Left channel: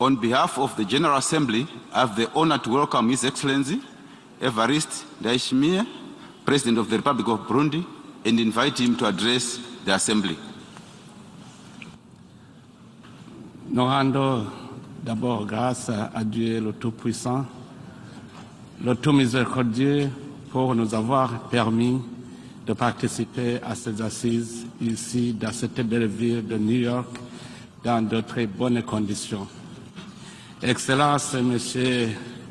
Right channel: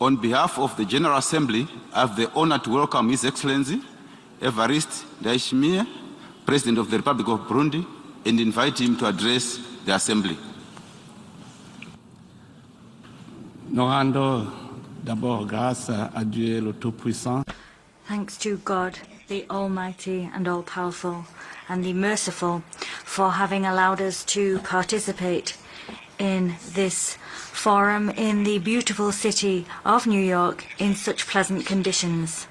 On behalf of the General Assembly, I have the honor to welcome His Excellency Evariste Ndayishimiye, President of the Republic of Burundi, and invite him to address the Assembly. Nous rendons d'abord grâce à Dieu le Tout-Puissant, Thanks to God, le tout miséricordieux, Almighty and pour nous avoir all-powerful, and permis the merciful, de participer for having à allowed ces us to assises participate ici, dans cette belle ville de in New York, this forum dans de in très the bonnes beautiful conditions. city of New York in Excellence, such pleasant Monsieur conditions.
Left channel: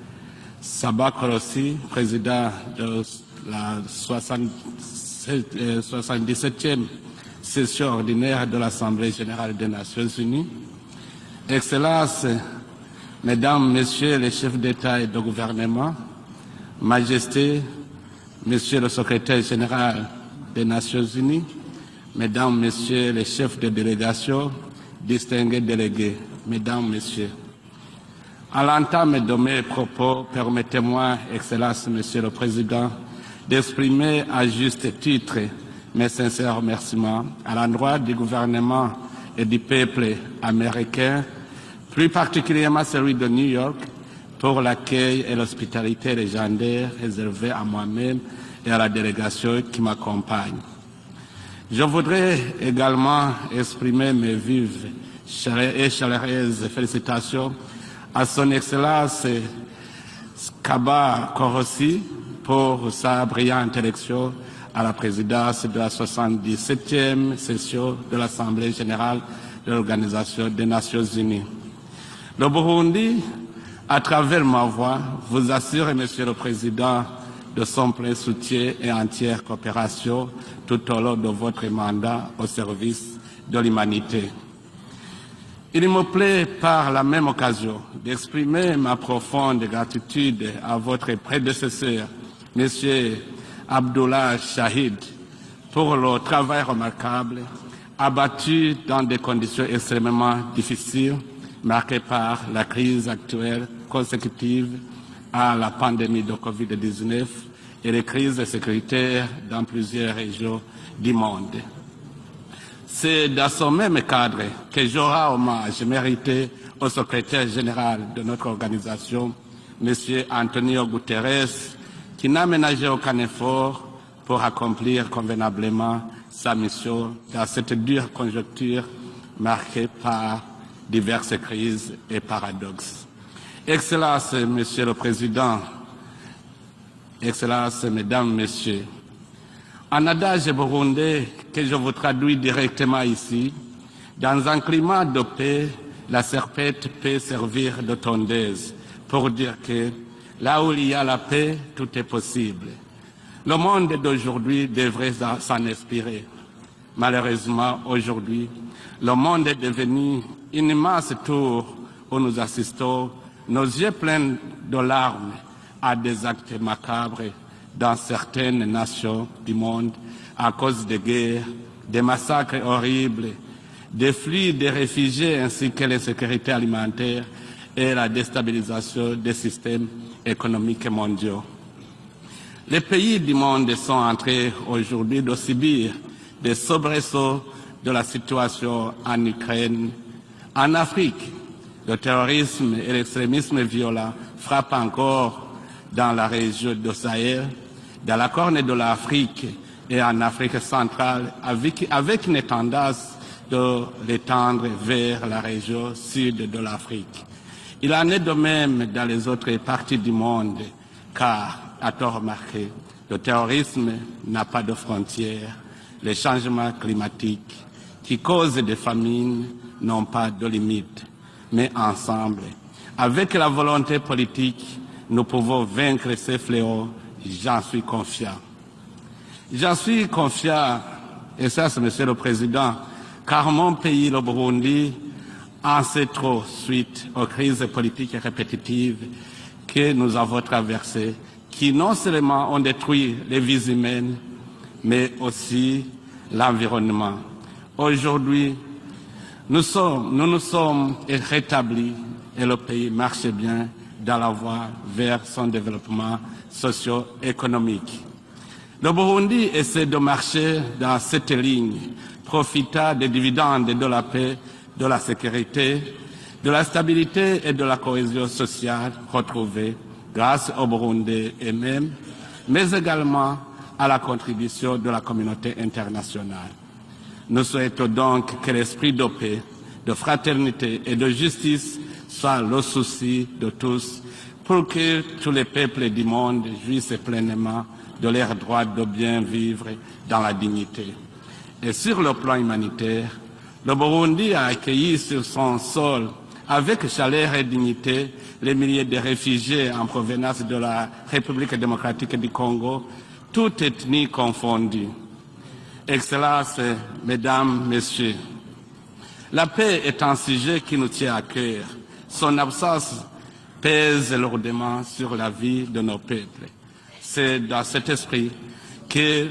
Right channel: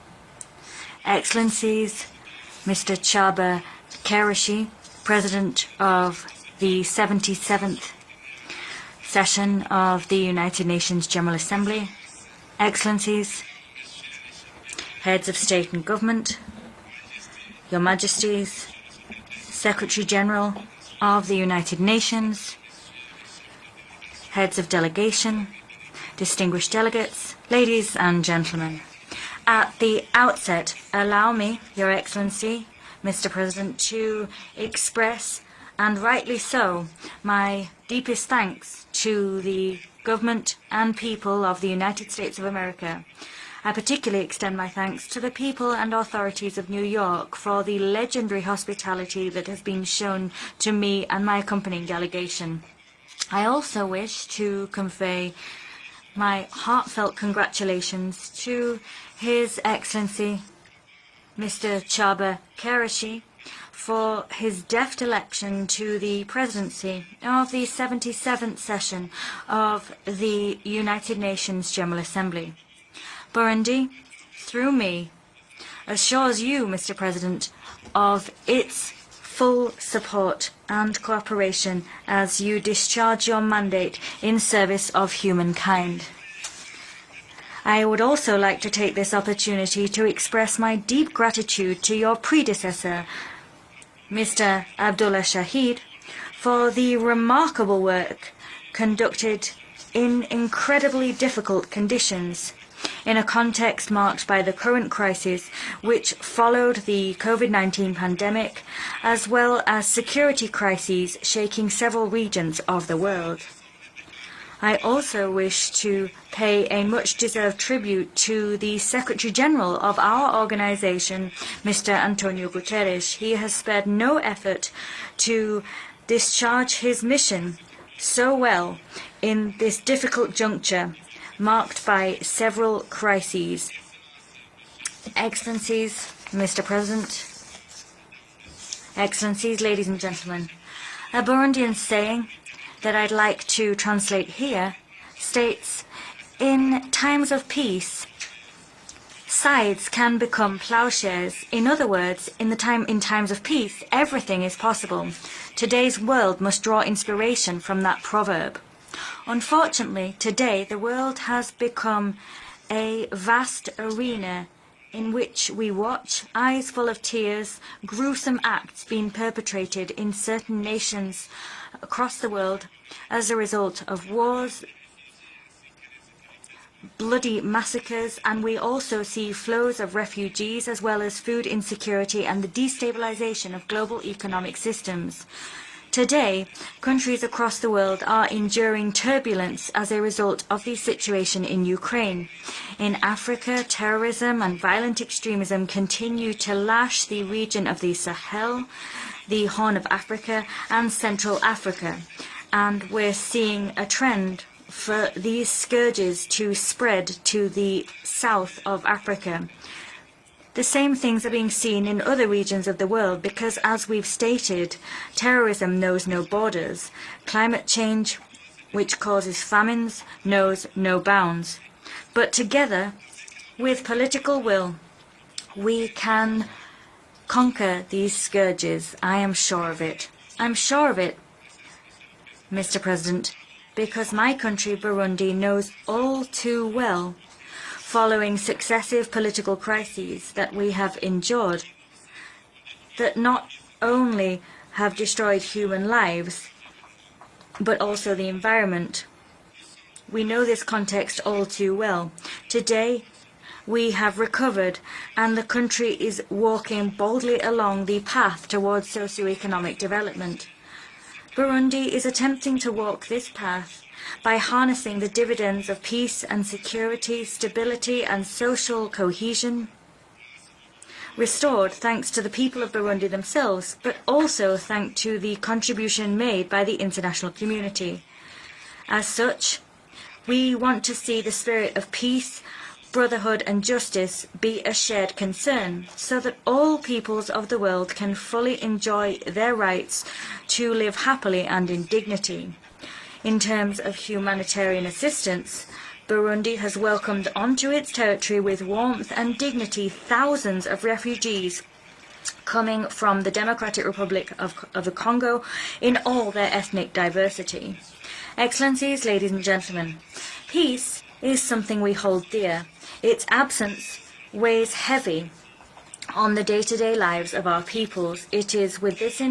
Sabah Korossi, Excellencies, président Mr. de Chaba la Karashi, President of the 77e session 77th ordinaire de l'Assemblée générale session des of Nations the Unies. United Nations General Assembly. Excellences, Excellencies, Mesdames, Messieurs les chefs d'État et de heads of state and gouvernement, government, Majesté, Your Majesties, Monsieur le Secrétaire général Secretary General des Nations of the Unies, United Nations, Mesdames, Messieurs les chefs de délégation, heads of delegation, distingués délégués, distinguished Mesdames, delegates, Messieurs. ladies and À gentlemen. l'entame de mes At the propos, outset, permettez-moi, allow me, Excellences, Your Monsieur le Excellency, Président, Mr. President, d'exprimer to à juste express, titre and mes rightly sincères so, remerciements à my l'endroit du deepest gouvernement thanks to et du the peuple government and américain, people of the United plus States of particulièrement America. celui de New I York, particularly extend pour my thanks l'accueil to et the people and l'hospitalité authorities of New légendaire York réservés for à the moi-même legendary et à la hospitality that délégation has qui been shown m'accompagne. to me and my accompanying Je voudrais delegation. également I also exprimer wish mes to vives convey et chaleureuses my heartfelt félicitations congratulations à son to Excellence His Excellency Sabah Korossi Chaba pour Karashi sa brillante élection for his à la deft présidence de la election to the 77e of the session de 77th l'Assemblée session générale de of l'Organisation the des Nations United Unies. Nations General Assembly. Le Burundi, Burundi, à travers ma through voix, me, vous assure, Monsieur le assures you, Mr. Président, President, de son plein of soutien its et entière full coopération support tout and au long de votre cooperation mandat as au you service discharge your de mandate l'humanité. in service of Il me humankind. plaît par la même occasion I would also like to d'exprimer take ma this profonde opportunity to gratitude express my à votre deep gratitude to your prédécesseur, predecessor, Monsieur Abdullah Mr. Shahid, Abdullah Shahid, pour le travail for the remarquable remarkable work abattu dans des conducted conditions in extrêmement incredibly difficiles, difficult marquées par conditions, la crise in a actuelle context marked by the consécutive current crisis à la which pandémie de followed the COVID-19 et COVID-19 les crises pandemic, sécuritaires as well dans as plusieurs security régions du crises monde. shaking several regions of the C'est world. dans ce même cadre I que je rends also wish hommage to mérité pay a au much secrétaire deserved général tribute de notre to the organisation, Secretary General of Monsieur our Antonio organization, Guterres, Mr. qui Antonio n'a ménagé Guterres. aucun He has effort spared no pour effort accomplir to convenablement sa discharge his mission mission dans cette dure so well conjoncture in this marquée difficult par juncture, diverses marked crises by et several paradoxes. crises. Excellences, Monsieur le Président, Excellencies, Mr. President, Excellences, Mesdames, Messieurs, Excellencies, ladies and un gentlemen, adage burundais a que Burundian je vous saying traduis that directement I'd like ici. to translate Dans un here climat de paix, states, la in serpette peut times of servir peace, de tondeuse. Pour dire sides que can become là où il y a la plowshares. paix, In other tout est words, in possible. times of Le peace, monde everything is d'aujourd'hui possible. devrait s'en Today's inspirer. world must draw inspiration Malheureusement, from that aujourd'hui, proverb. le monde est Unfortunately, devenu today, une the immense world has tour become où nous assistons, a vast nos yeux pleins arena de in larmes, which we à watch, des actes eyes full of macabres tears, dans gruesome certaines acts nations being du monde perpetrated in à certain cause des nations guerres, des across the massacres world horribles, as a result of des wars, flux de réfugiés ainsi que l'insécurité alimentaire bloody et la massacres, and we déstabilisation also see des flows systèmes of refugees as économiques well as mondiaux. food insecurity and the Les pays du destabilization monde of sont global en train economic aujourd'hui systems. de subir Today, des countries soubresauts across the de world la are situation enduring en turbulence Ukraine, as a result of en the Afrique. situation in Le Ukraine. terrorisme et In l'extrémisme Africa, violent terrorism and frappent violent encore extremism dans continue la to région du lash the Sahel, region of the dans la Corne de Sahel, l'Afrique the Horn of et en Africa, Afrique and centrale, Central avec Africa. une tendance And we're seeing de a trend d'étendre for vers la these région scourges sud to de spread l'Afrique. to the Il en est de south même of dans les Africa. autres parties du monde. The same things are being seen in other regions of the world because, as we've stated, terrorism knows no borders. Climate change, qui cause des which famines, causes famines, n'ont pas de knows limite. no bounds. Mais ensemble, But together, avec la with volonté political politique, will, nous pouvons we vaincre can ces fléaux. J'en conquer suis these confiant. scourges. I am sure J'en of suis it. confiant. I'm sure of it, Et ça, c'est Monsieur le Président, Mr. President, car mon pays, because le my country, Burundi, Burundi, knows en sait all trop too suite well, aux crises politiques following répétitives successive political que crises nous avons that we have traversées, endured, qui non seulement ont détruit that not les vies humaines, only have mais destroyed aussi human lives, l'environnement. but also the Aujourd'hui, environment. Nous nous sommes rétablis et le pays marche bien dans la voie vers son développement socio-économique. Le Burundi essaie de marcher dans cette ligne, profitant des dividendes de la paix, de la sécurité, de la stabilité et de la cohésion sociale retrouvée grâce aux Burundais eux-mêmes, mais également à la contribution de la communauté internationale. Nous souhaitons donc que l'esprit de paix, de fraternité et de justice soit le souci de tous pour que tous les peuples du monde vivent pleinement de leurs droits de bien vivre dans la dignité. Et sur le plan humanitaire, le Burundi a accueilli sur son sol avec chaleur et dignité les milliers de réfugiés en provenance de la République démocratique du Congo, toutes ethnies confondues. Excellences, Mesdames, Messieurs, la paix est un sujet qui nous tient à cœur. Son absence pèse lourdement sur la vie de nos peuples. C'est dans cet esprit que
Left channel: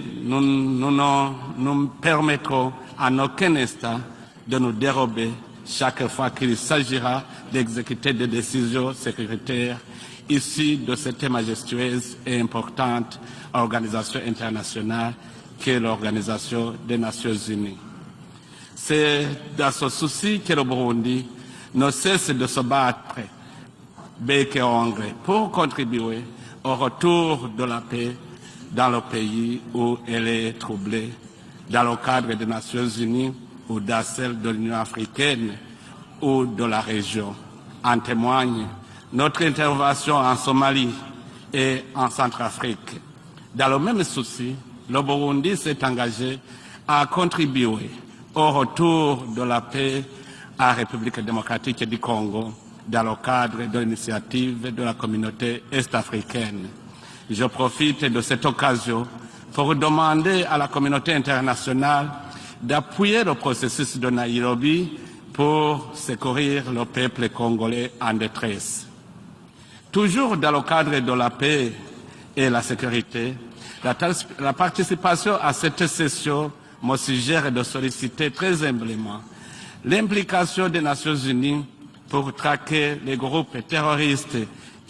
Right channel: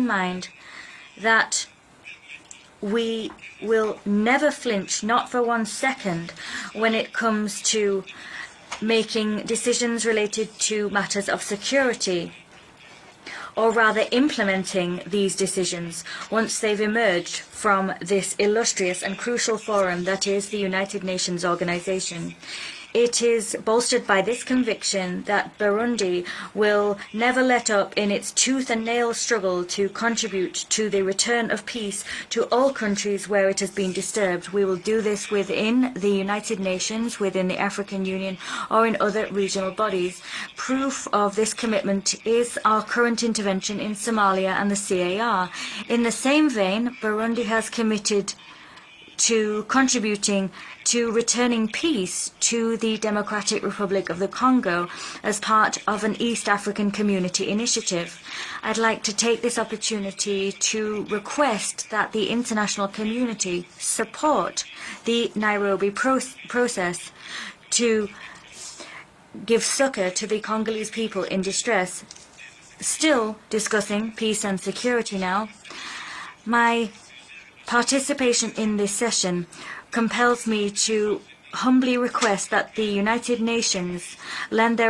nous permettrons à aucun instant de nous dérober chaque fois qu'il s'agira d'exécuter des décisions sécuritaires issues de cette majestueuse et importante organisation internationale qu'est l'Organisation des Nations Unies. C'est dans ce souci que le Burundi ne cesse de se battre bec et ongle pour contribuer au retour de la paix dans le pays où elle est troublée, dans le cadre des Nations Unies ou dans celle de l'Union africaine ou de la région. En témoigne notre intervention en Somalie et en Centrafrique. Dans le même souci, le Burundi s'est engagé à contribuer au retour de la paix à la République démocratique du Congo dans le cadre de l'initiative de la communauté est-africaine. Je profite de cette occasion pour demander à la communauté internationale d'appuyer le processus de Nairobi pour secourir le peuple congolais en détresse. Toujours dans le cadre de la paix et la sécurité, la participation à cette session me suggère de solliciter très humblement l'implication des Nations Unies pour traquer les groupes terroristes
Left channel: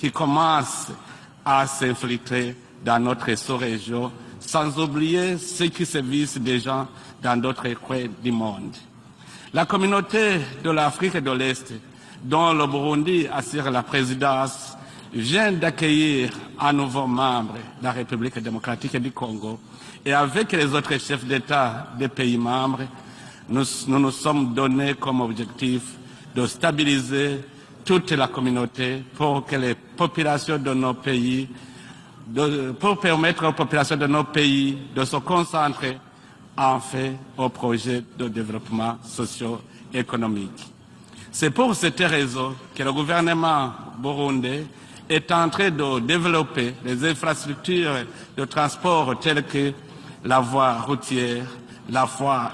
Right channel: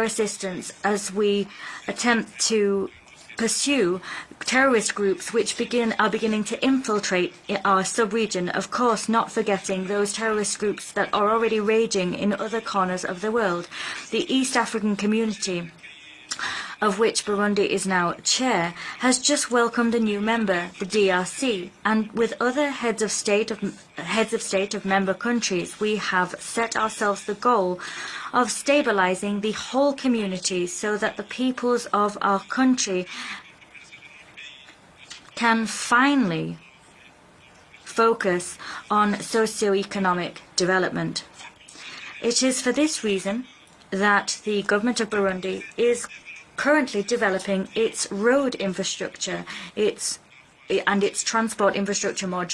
qui commencent à s'infiltrer dans notre sous-région, sans oublier ceux qui sévissent déjà dans d'autres pays du monde. La communauté de l'Afrique de l'Est, dont le Burundi assure la présidence, vient d'accueillir un nouveau membre de la République démocratique du Congo. Et avec les autres chefs d'État des pays membres, nous nous sommes donnés comme objectif de stabiliser toute la communauté pour que les populations de nos pays, pour permettre aux populations de nos pays de se concentrer en fait au projet de développement socio-économique. C'est pour cette raison que le gouvernement burundais est en train de développer des infrastructures de transport telles que la voie routière,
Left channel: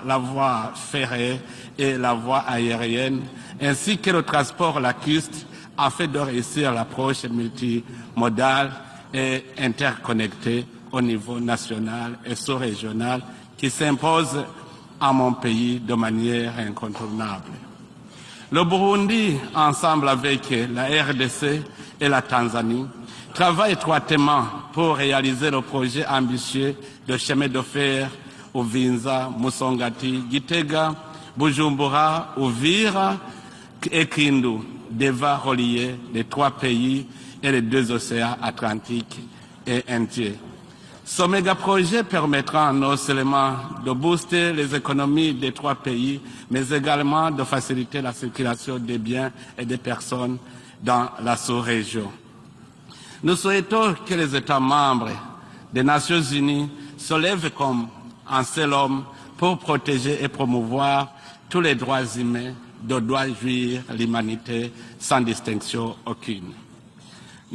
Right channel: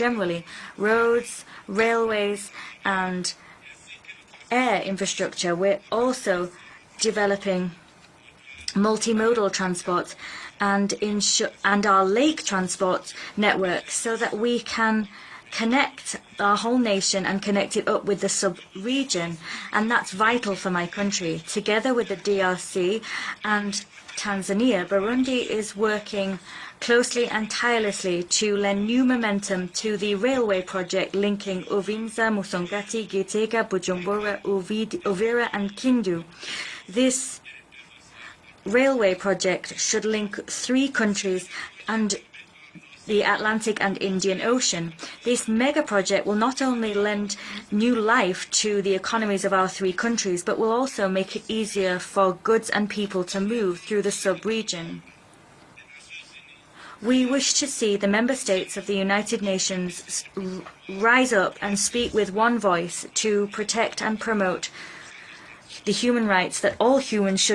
la voie ferrée et la voie aérienne, ainsi que le transport lacustre afin de réussir l'approche multimodale et interconnectée au niveau national et sous-régional qui s'impose à mon pays de manière incontournable. Le Burundi, ensemble avec la RDC et la Tanzanie, travaille étroitement pour réaliser le projet ambitieux de chemin de fer Uvinza, Musongati, Gitega, Bujumbura, Uvira et Kindu, devant relier les trois pays et les deux océans Atlantique et Indien. Ce méga-projet permettra non seulement de booster les économies des trois pays, mais également de faciliter la circulation des biens et des personnes dans la sous-région. Nous souhaitons que les États membres des Nations Unies se lèvent comme un seul homme pour protéger et promouvoir tous les droits humains de droit de vie et l'humanité sans distinction aucune.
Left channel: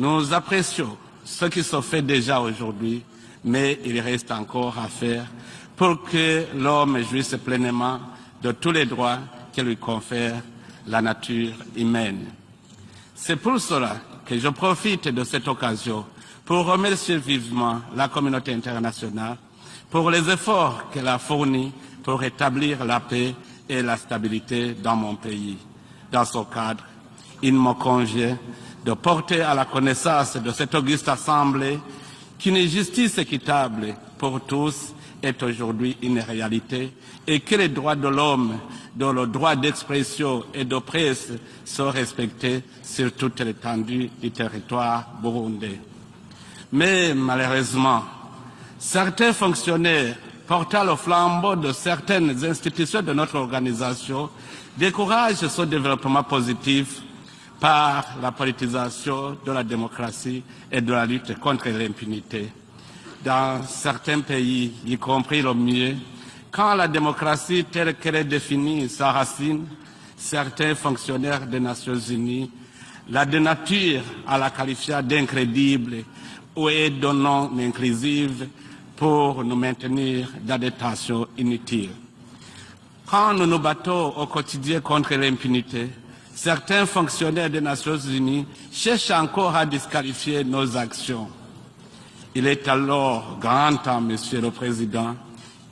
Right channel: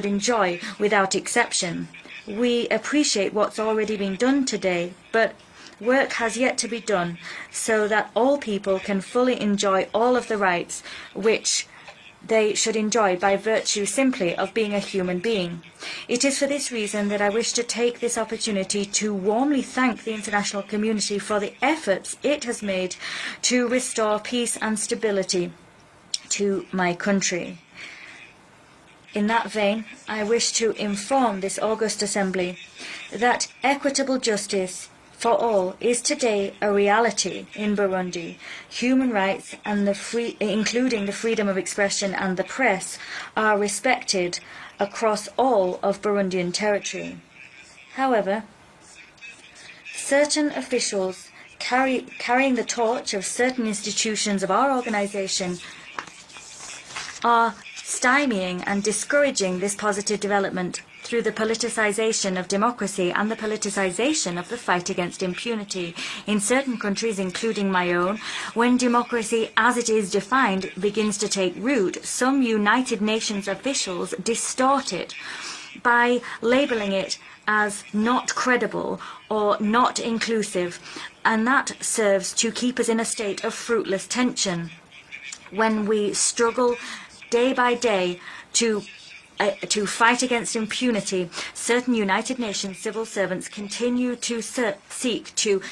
Nous apprécions ce qui se fait déjà aujourd'hui, mais il reste encore à faire Work has yet to be done so that all people can fully enjoy all of the rights which they should enjoy by virtue simply of being a human being. It is for this reason that I wish to take this opportunity to warmly thank the international community for the efforts it has made to restore peace and stability to my country. De porter à la connaissance de cette auguste assemblée qu'une justice équitable pour tous est aujourd'hui une réalité et que les droits de l'homme, dont le droit d'expression et de presse sont respectés sur toute l'étendue du territoire burundais. Mais malheureusement, certains fonctionnaires portant le flambeau de certaines institutions de notre organisation découragent ce développement positif par la politisation de la démocratie et de la lutte contre l'impunité. Dans certains pays, y compris le mien, quand la démocratie telle qu'elle est définie s'enracine, certains fonctionnaires des Nations Unies la dénaturent à la qualifiant d'incrédible ou est de non inclusive pour nous maintenir dans des tensions inutiles. Quand nous nous battons au quotidien contre l'impunité, certains fonctionnaires des Nations Unies cherchent encore à disqualifier nos actions. Il est alors grand temps, Monsieur le Président,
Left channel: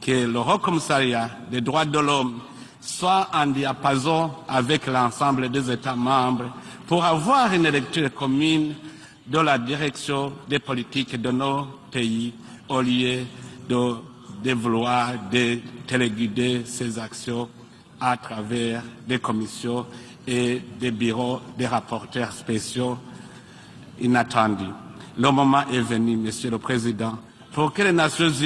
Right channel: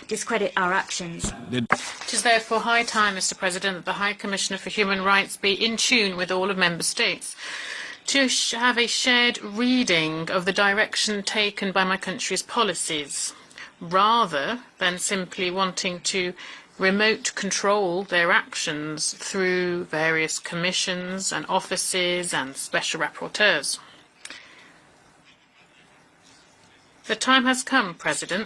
que le Haut Commissariat des droits de l'homme soit en diapason avec l'ensemble des États membres pour avoir une lecture commune de la direction des politiques de nos pays au lieu rather than simply wanting to remote control their actions through various commissions and offices and special rapporteurs. Inattendu. Le moment est venu, Monsieur le Président, The time has come, President,